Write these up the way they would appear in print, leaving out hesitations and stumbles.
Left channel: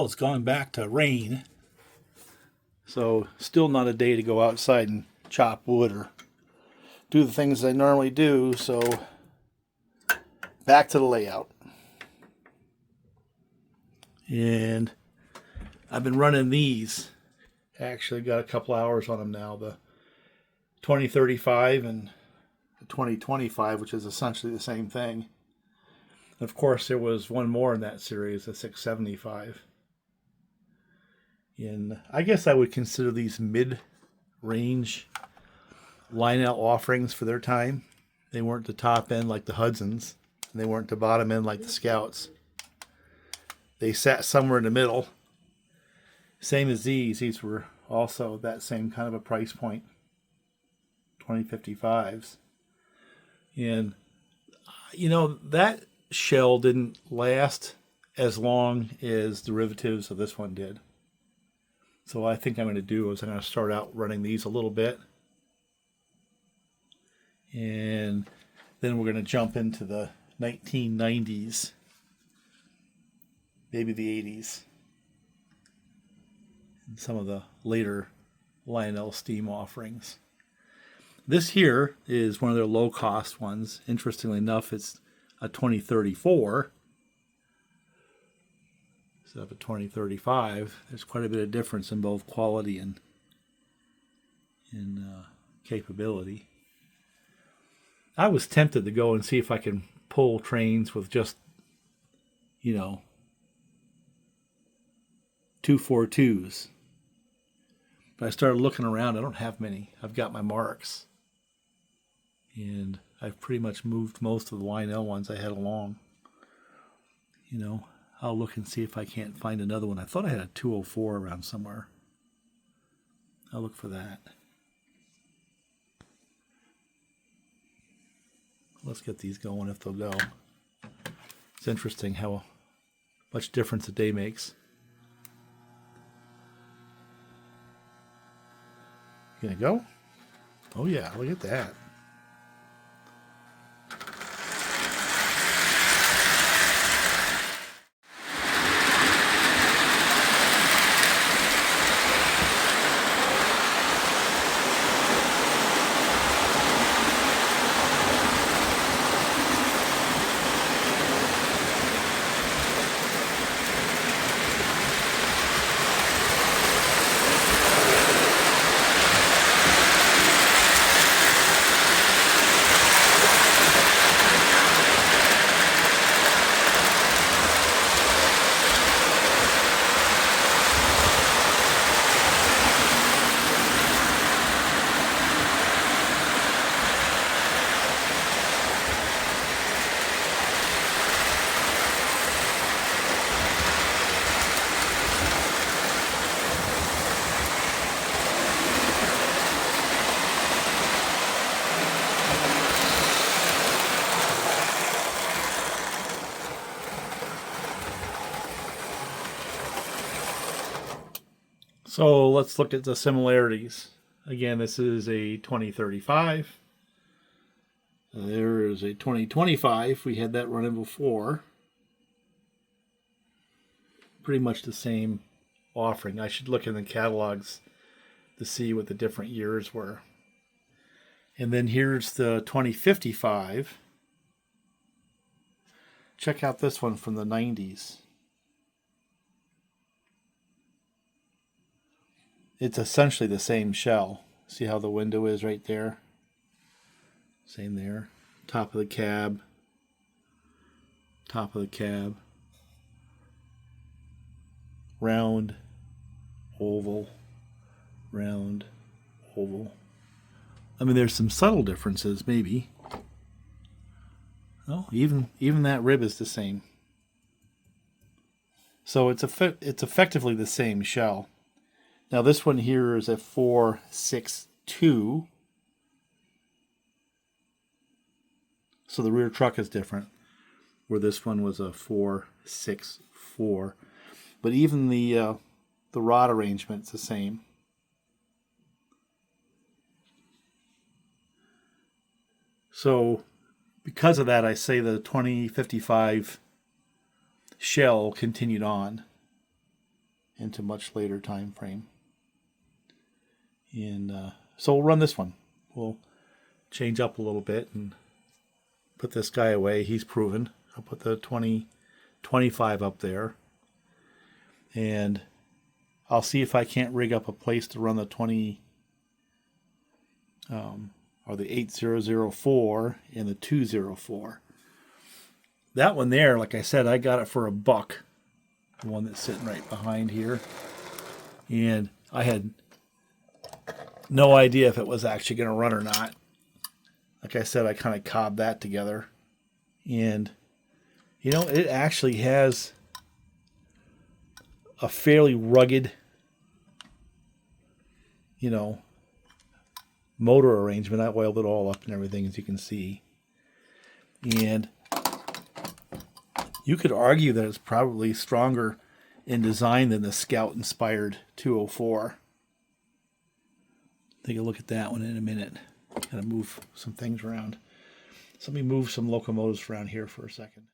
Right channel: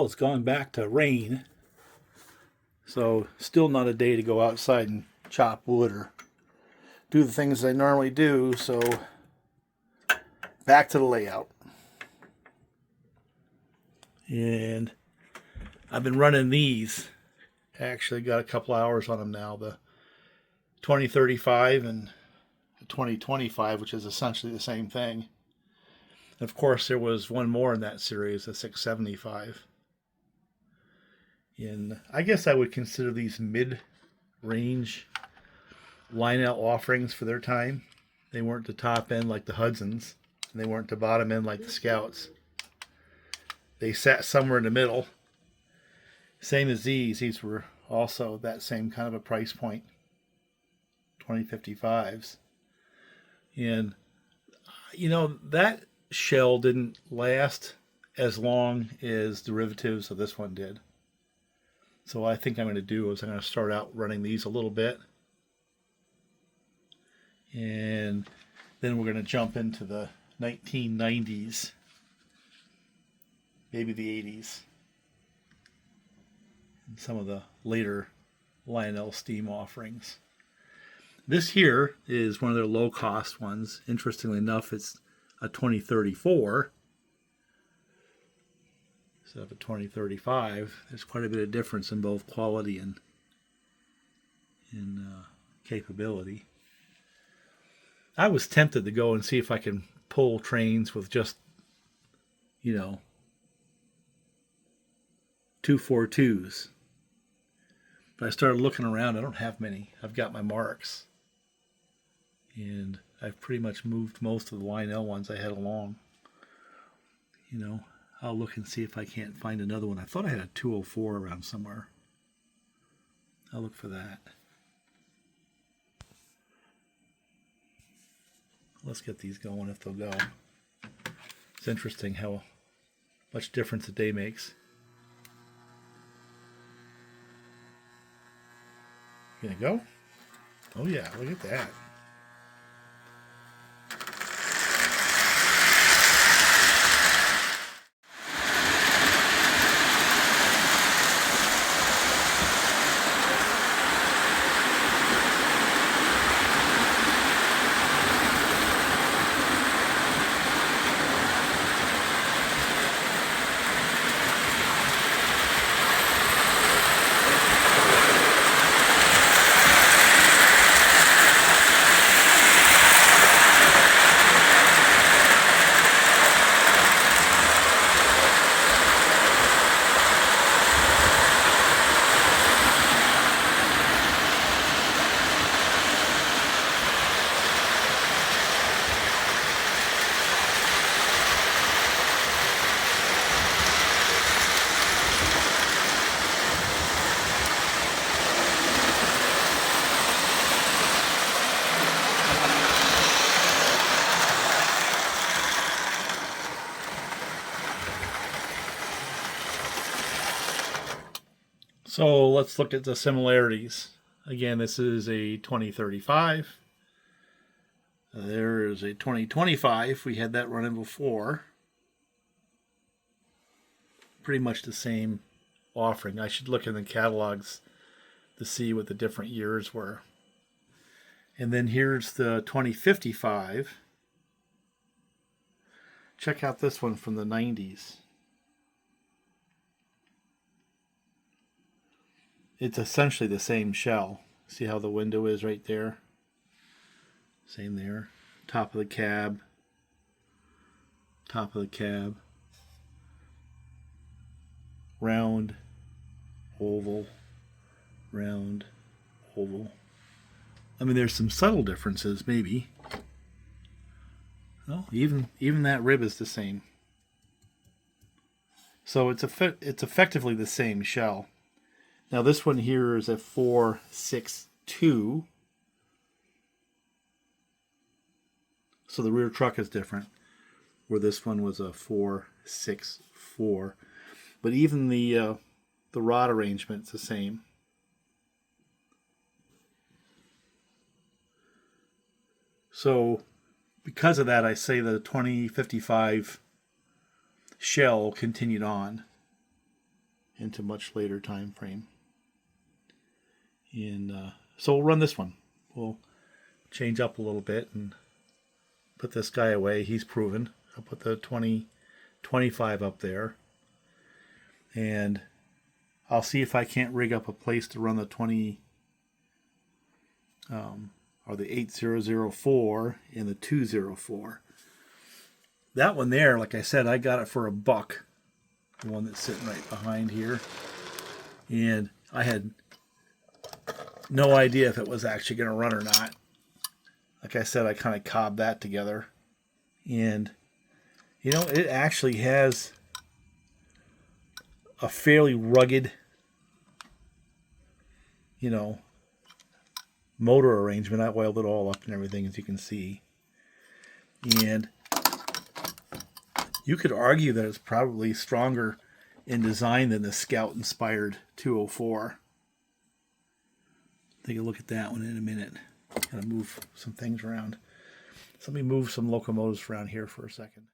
Well, it's gone back to rain, so still not a day to go outside and chop wood or do the things I normally do, so back to the layout. And I've been running these. Actually got a couple hours on them now. The 2035 and the 2025, which is essentially the same thing. And of course, there was one more in that series, the 675. And I guess I would consider these mid-range Lionel offerings for their time. They weren't the top end like the Hudsons, and they weren't the bottom end like the Scouts. They sat somewhere in the middle. Same as these. These were also that same kind of a price point. 2055s. And, you know, that shell didn't last as long as derivatives of this one did. So what I think I'm going to do is I'm going to start out running these a little bit. And then we're going to jump into the 1990s. Maybe the 80s. And some of the later Lionel Steam offerings. This here is one of their low-cost ones. Interestingly enough, it's a 2034. So the 2035, there's quite a bit of difference in both quality and in capability. I was tempted to go and see if I can pull trains with just, 242s. But I started looking around. I don't have many. I've got my marks. And I've pretty much moved most of the Lionel ones I had along. I'll look and see if I can't find another one. I thought I had a 204 around somewhere. I'll look for that. Let's get these going if they'll go. It's interesting how much difference a day makes. Gonna go? Oh yeah, look at that. So let's look at the similarities. Again, this is a 2035. There is a 2025. We had that running before. Pretty much the same offering. I should look in the catalogs to see what the different years were. And then here's the 2055. Check out this one from the 90s. It's essentially the same shell. See how the window is right there? Same there. Top of the cab. Top of the cab. Round, oval, round, oval. I mean, there's some subtle differences, maybe. Oh, even that rib is the same. So it's effectively the same shell. Now this one here is a 462. So the rear truck is different, where this one was a 464. But even the rod arrangement's the same. So because of that, I say the 2055 shell continued on. into much later time frame. And so we'll run this one. We'll change up a little bit and put this guy away. He's proven. I'll put the 2025 up there. And I'll see if I can't rig up a place to run the 8004 and the 204. That one there, like I said, I got it for $1. The one that's sitting right behind here. And I had no idea if it was actually going to run or not. Like I said, I kind of cobbed that together. And, you know, it actually has a fairly rugged, you know, motor arrangement. I oiled it all up and everything, as you can see. And you could argue that it's probably stronger in design than the Scout-inspired 204. Take a look at that one in a minute. Gotta move some things around. So let me move some locomotives around here for a second.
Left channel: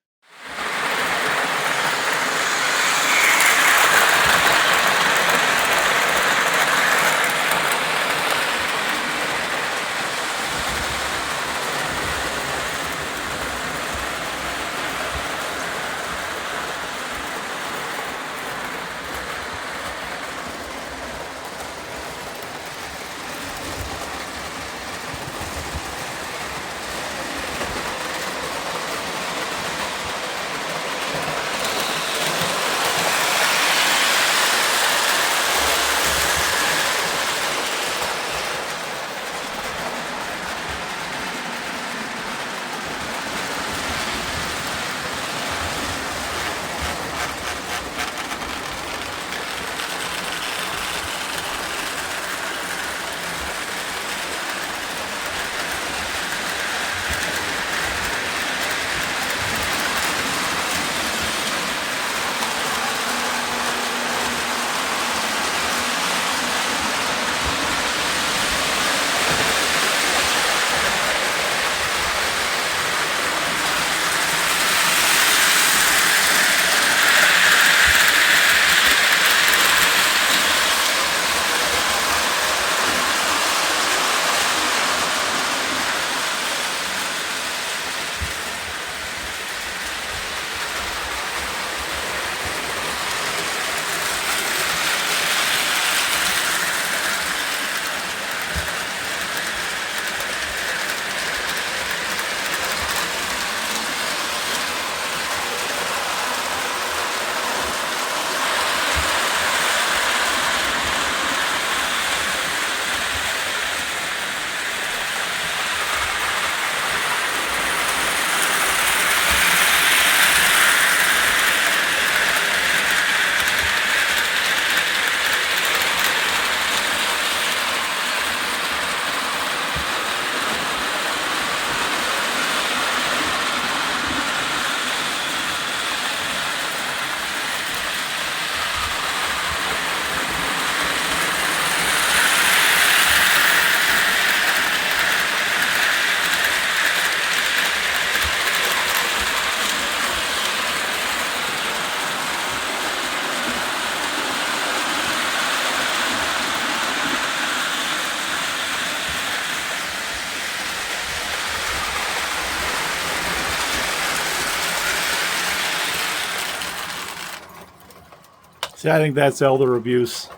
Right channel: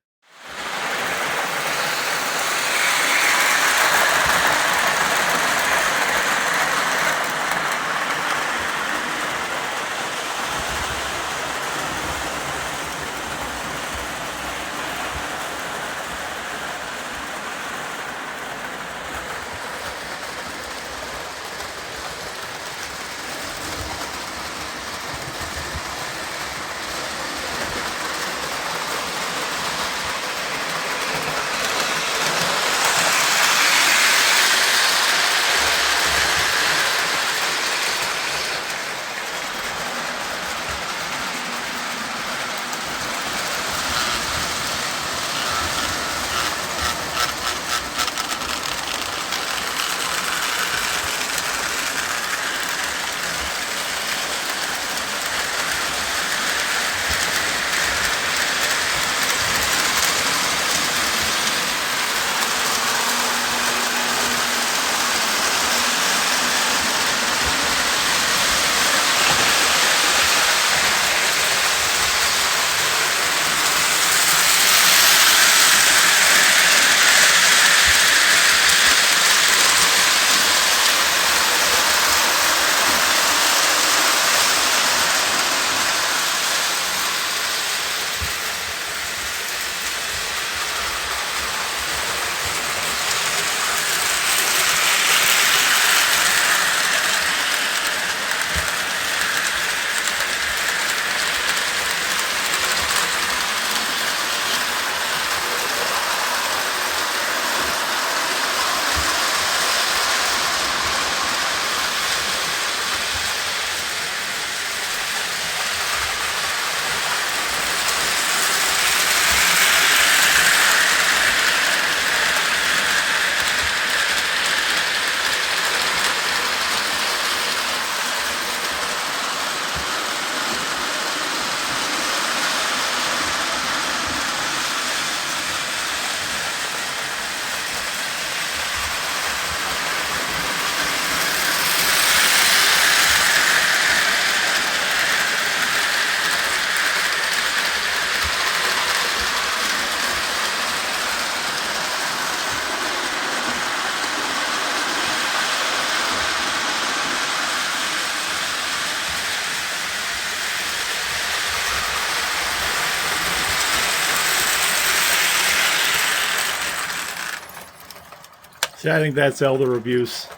See, I think that's elder abuse.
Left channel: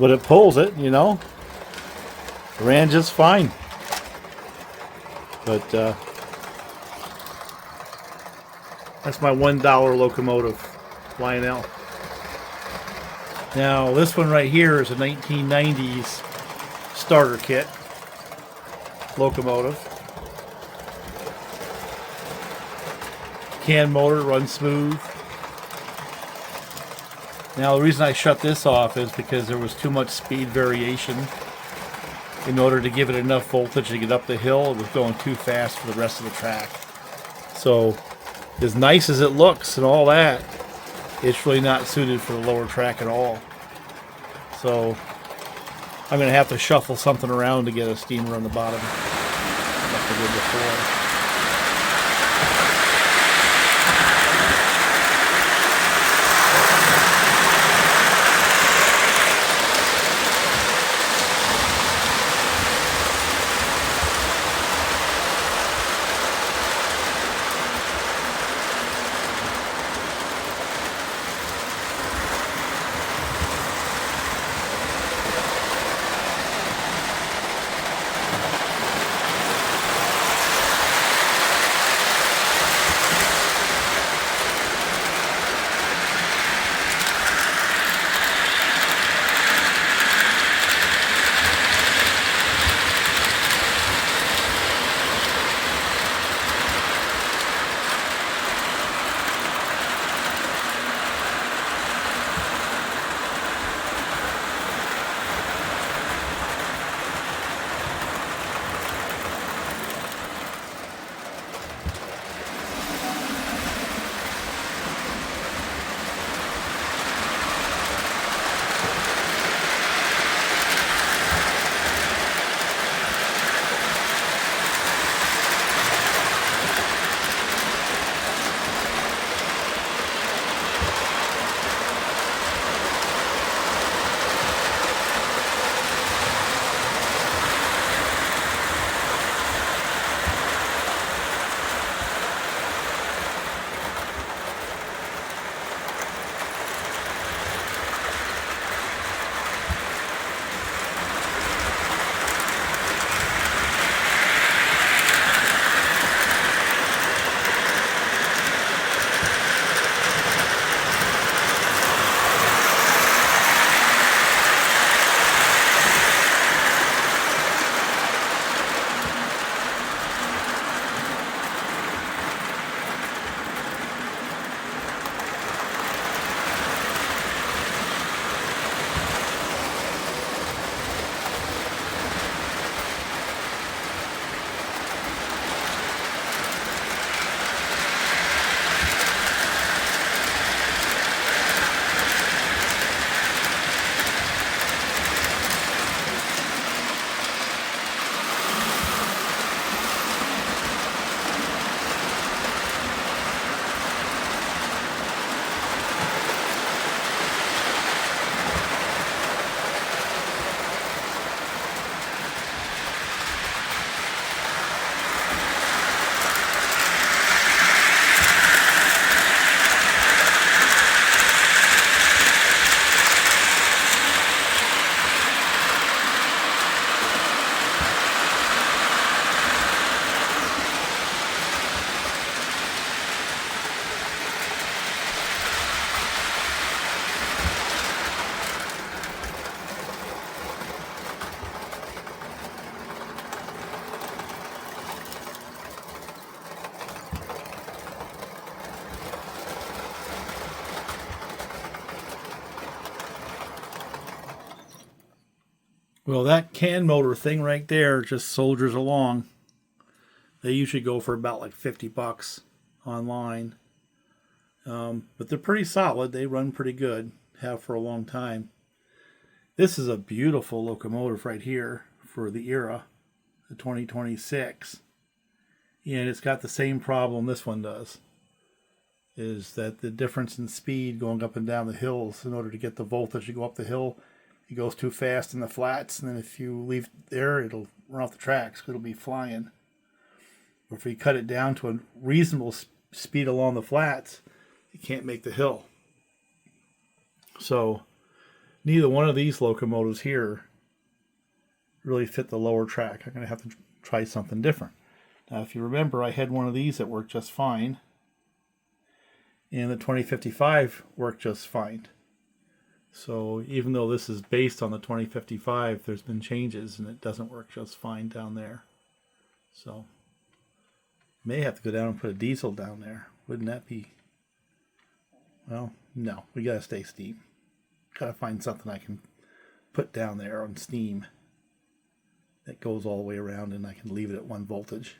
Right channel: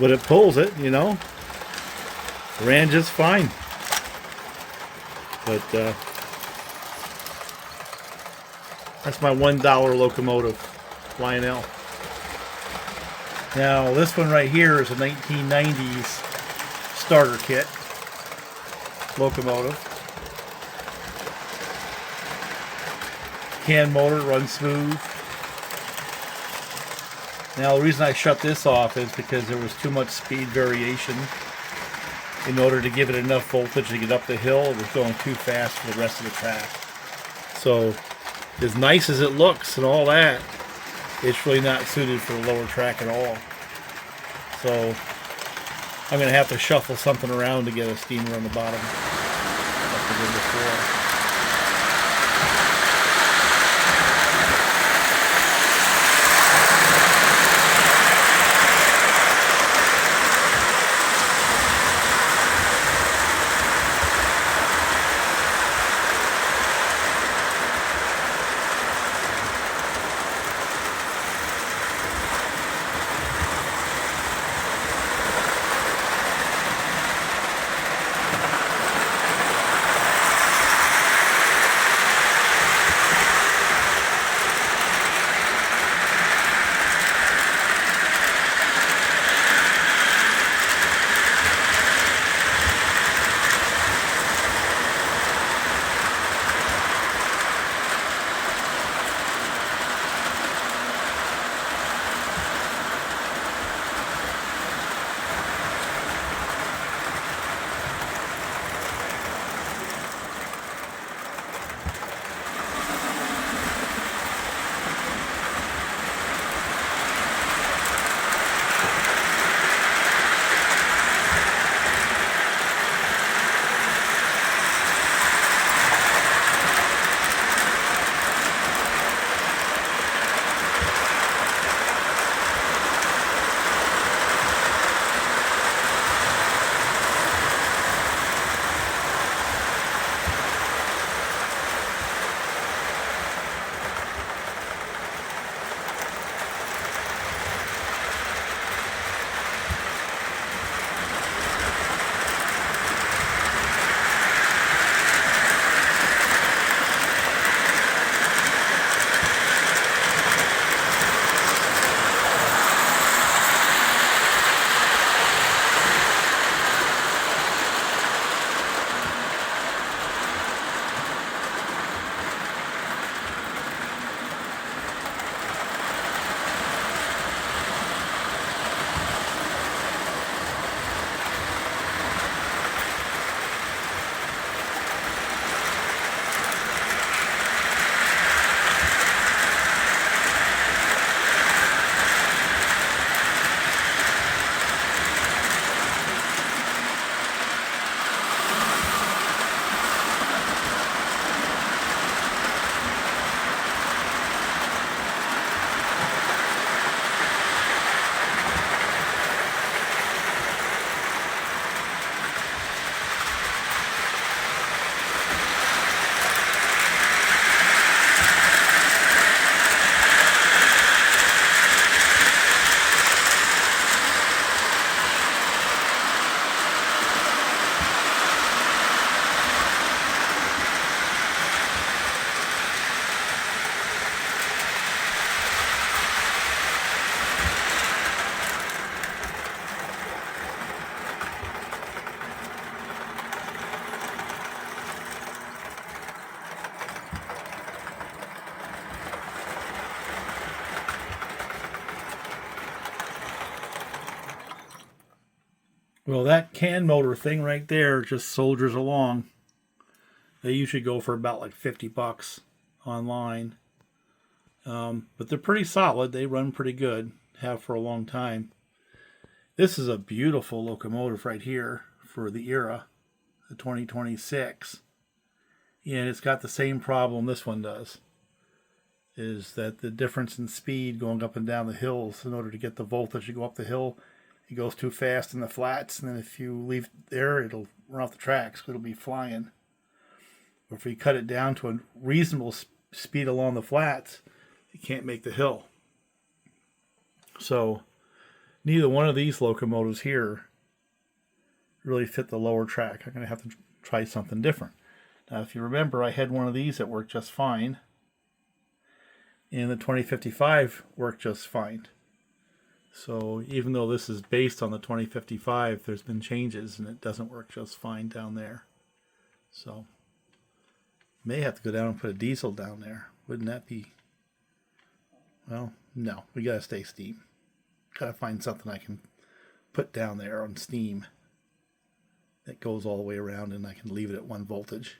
But it pulls it, you know. Ran just fine. But that's my $1 locomotive, Lionel. Now, this one right here is a 1990's starter kit locomotive. Can motor, runs smooth. Now, the reason I shut this off is because there was too much speed variation. In order to give it enough voltage to get up the hill, it was going too fast for the rest of the track. So, as nice as it looks and all that, it's really not suited for the lower track at all. So, I'm going to have to shuffle something around to get a steamer on the bottom, like I did before. Well, that can motor thing right there just soldiers along. They usually go for about like $50 online. But they're pretty solid. They run pretty good, have for a long time. This is a beautiful locomotive right here for the era, the 2026. And it's got the same problem this one does, is that the difference in speed going up and down the hills, in order to get the voltage to go up the hill, it goes too fast in the flats, and then if you leave it there, it'll run off the tracks. It'll be flying. Or if you cut it down to a reasonable speed along the flats, you can't make the hill. So neither one of these locomotives here really fit the lower track. I'm going to have to try something different. Now, if you remember, I had one of these that worked just fine, and the 2055 worked just fine. So even though this is based on the 2055, there's been changes, and it doesn't work just fine down there. So may have to go down and put a diesel down there. Wouldn't that be... Well, no. We got to stay steam. Got to find something I can put down there on steam that goes all the way around, and I can leave it at 1 voltage.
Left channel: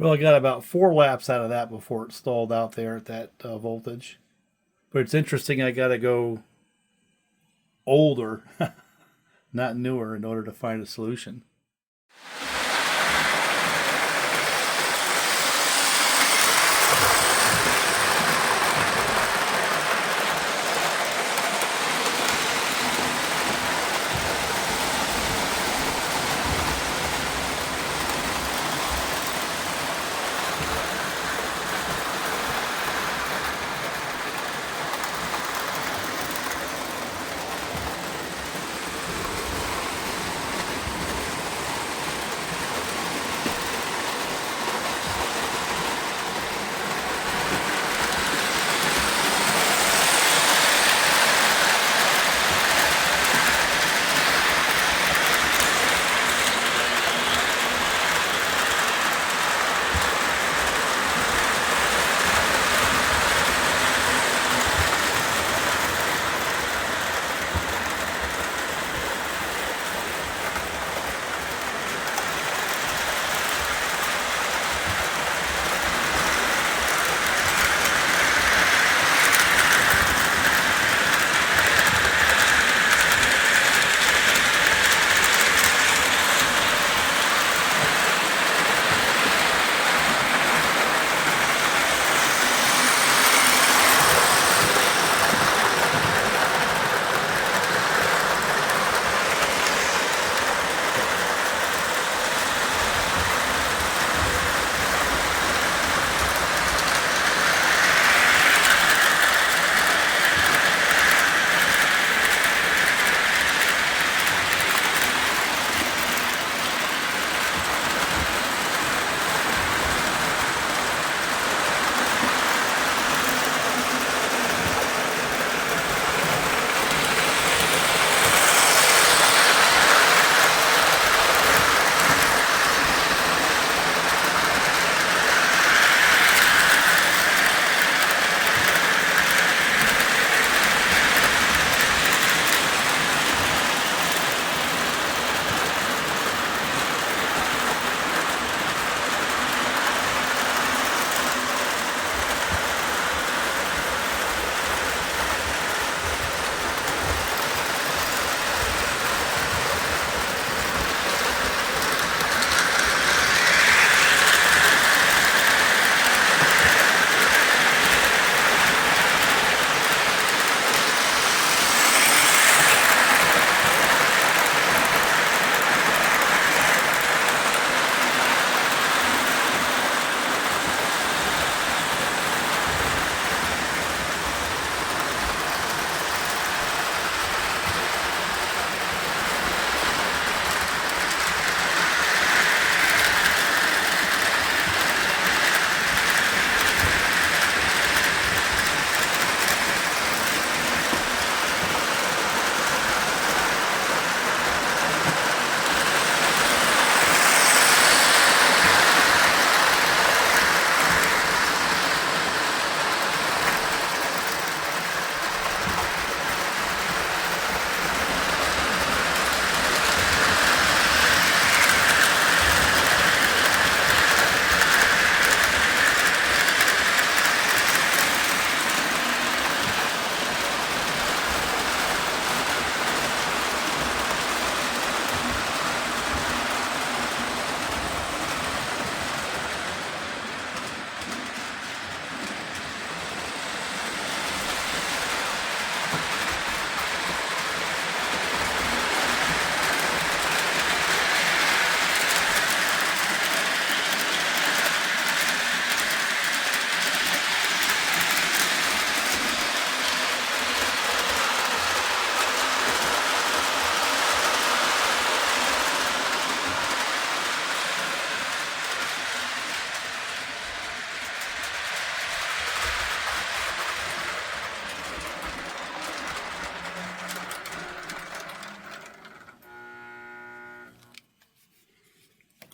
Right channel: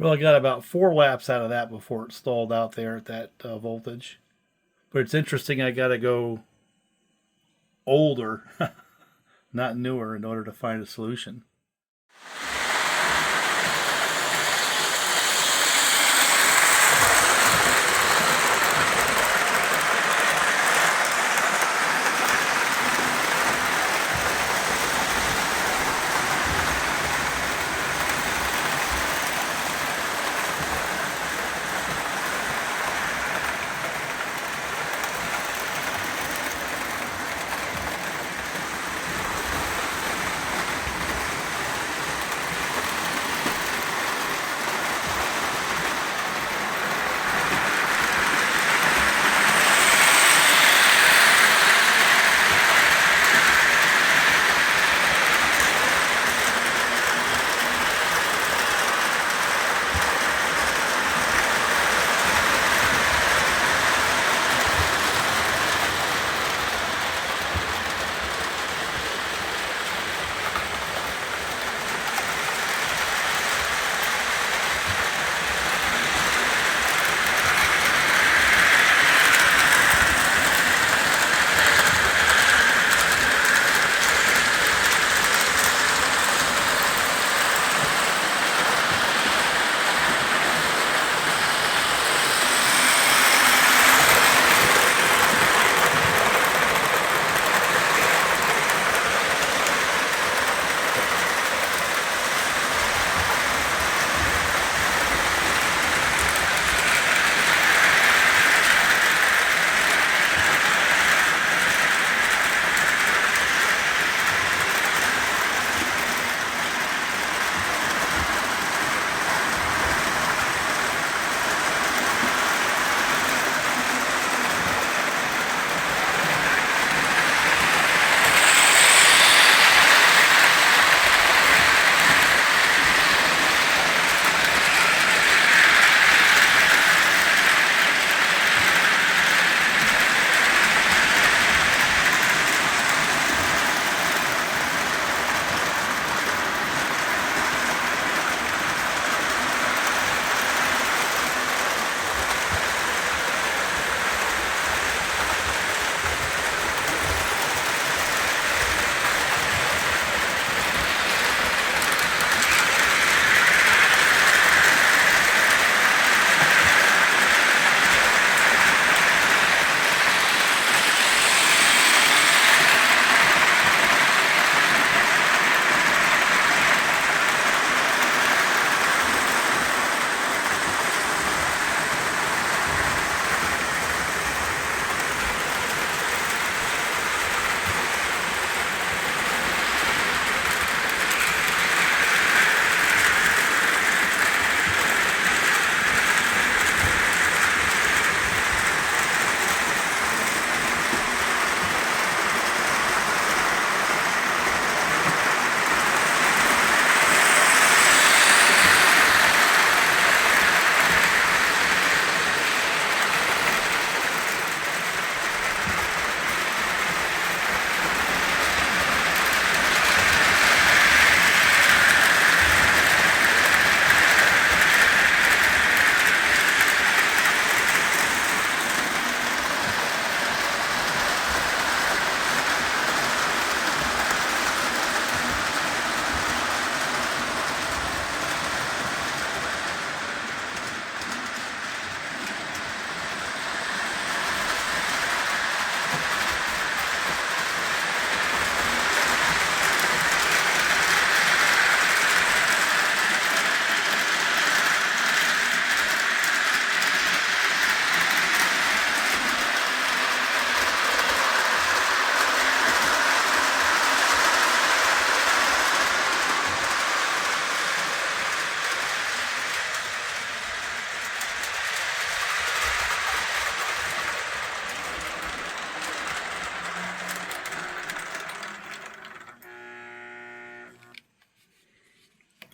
Well, I got about 4 laps out of that before it stalled out there at that voltage. But it's interesting, I got to go older, not newer, in order to find a solution.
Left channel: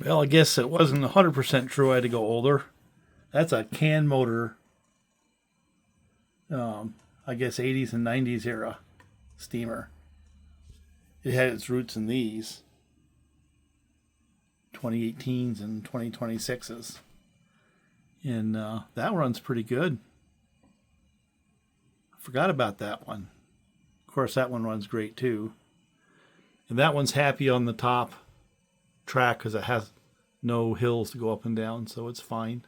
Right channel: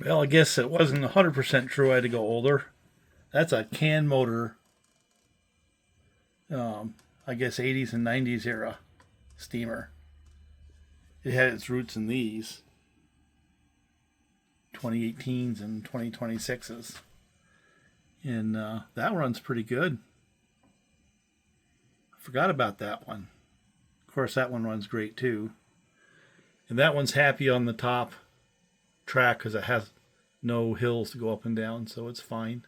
Well, I guess it wasn't 100% true. I had to go older. That's a can motor, I guess 80s and 90s era steamer. It had its roots in these 2018s and 2026s. And that runs pretty good. I forgot about that one. Of course, that one runs great too. And that one's happy on the top track because it has no hills to go up and down, so it's fine.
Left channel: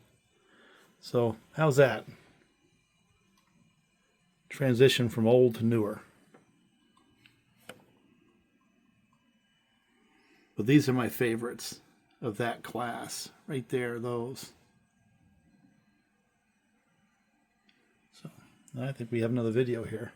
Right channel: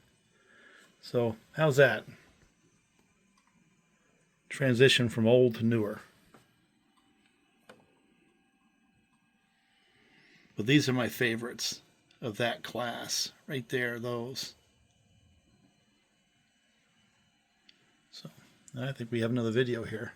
So, how's that? Transition from old to newer. But these are my favorites of that class. Right there, those. So, I think we have another video here.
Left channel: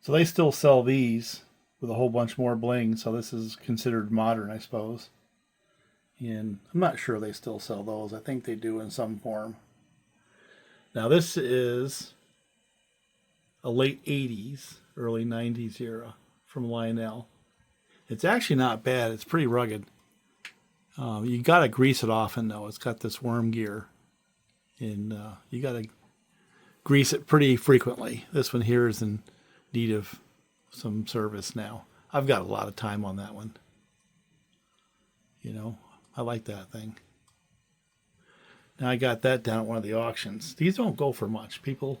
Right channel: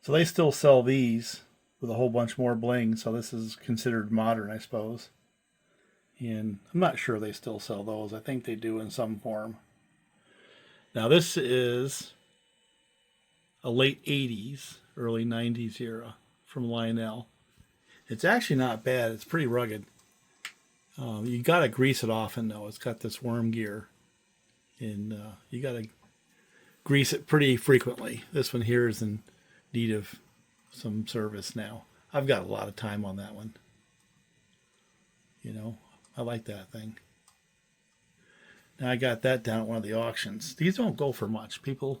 So they still sell these with a whole bunch more bling. So this is considered modern, I suppose. And I'm not sure they still sell those. I think they do in some form. Now this is a late 80s, early 90s era from Lionel. It's actually not bad. It's pretty rugged. You got to grease it often, though. It's got this worm gear. And you got to grease it pretty frequently. This one here is in need of some service now. I've got a lot of time on that one. You know, I like that thing. Now I got that down at one of the auctions. These don't go for much. People,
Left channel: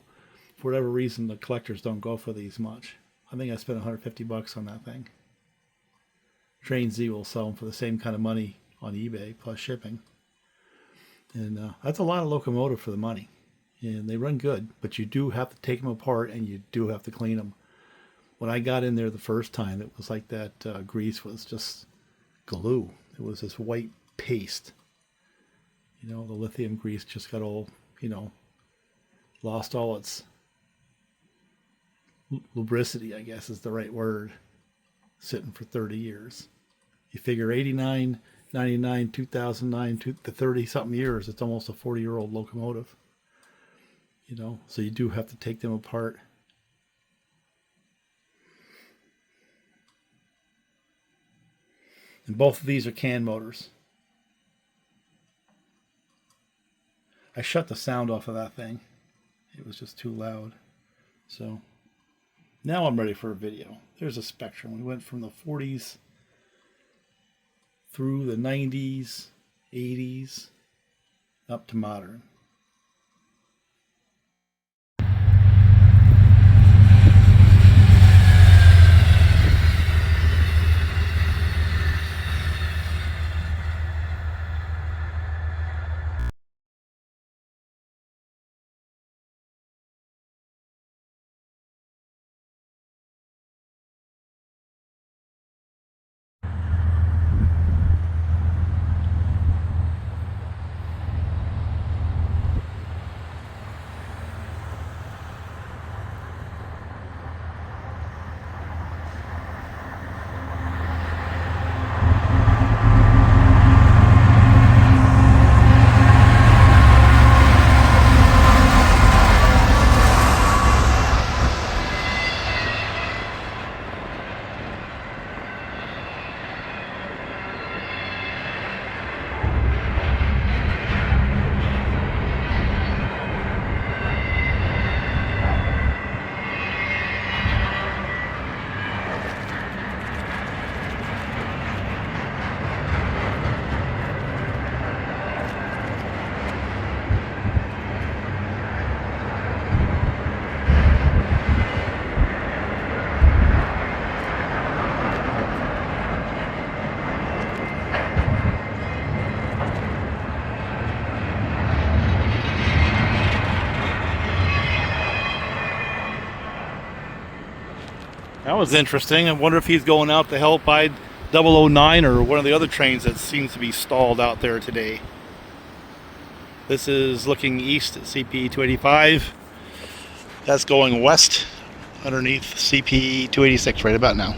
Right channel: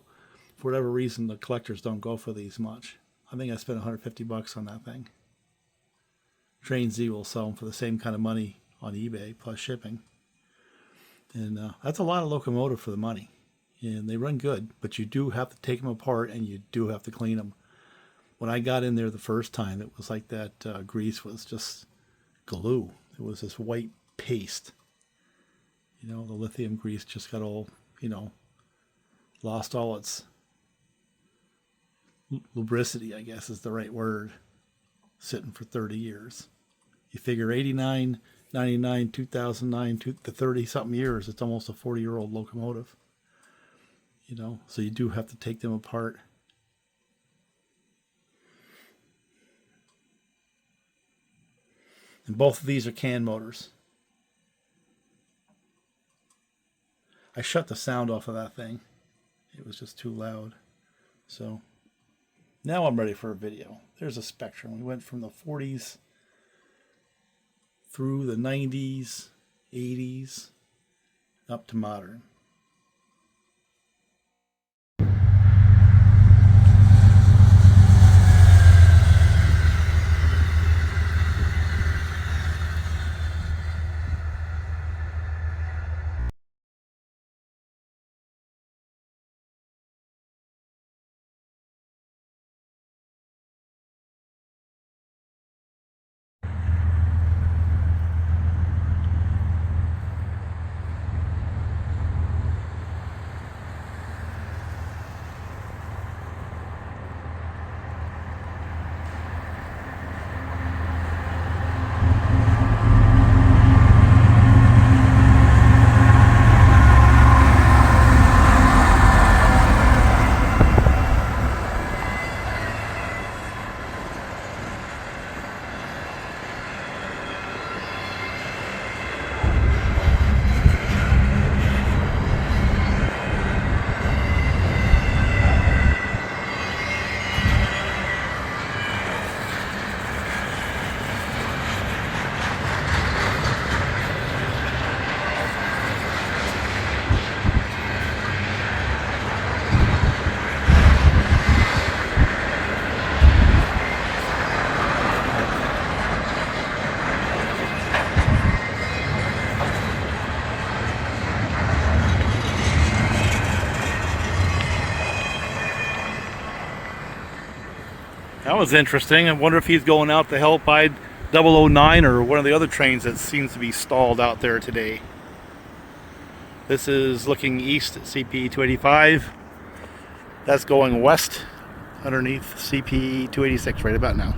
for whatever reason, the collectors don't go for these much. I think I spent $150 on that thing. Train Z will sell them for the same kind of money on eBay plus shipping. And that's a lot of Locomotive for the money. And they run good, but you do have to take them apart and you do have to clean them. When I got in there the first time, it was like that grease was just glue. It was this white paste. You know, the lithium grease just got all, you know, lost all its lubricity, I guess is the right word, sitting for 30 years. You figure 89, 99, 2009, to 30-something years, it's almost a 40-year-old locomotive. You know, so you do have to take them apart. And both of these are can motors. I shut the sound off of that thing. It was just too loud. So now I'm ready for a video. There's a spectrum. We went from the 40s through the 90s, 80s, up to modern. That was interesting. I wonder if he's going out to help I-009 or one of the other trains that seems to be stalled out there today. This is looking east at CP 285. That's going west underneath CP 286 right about now.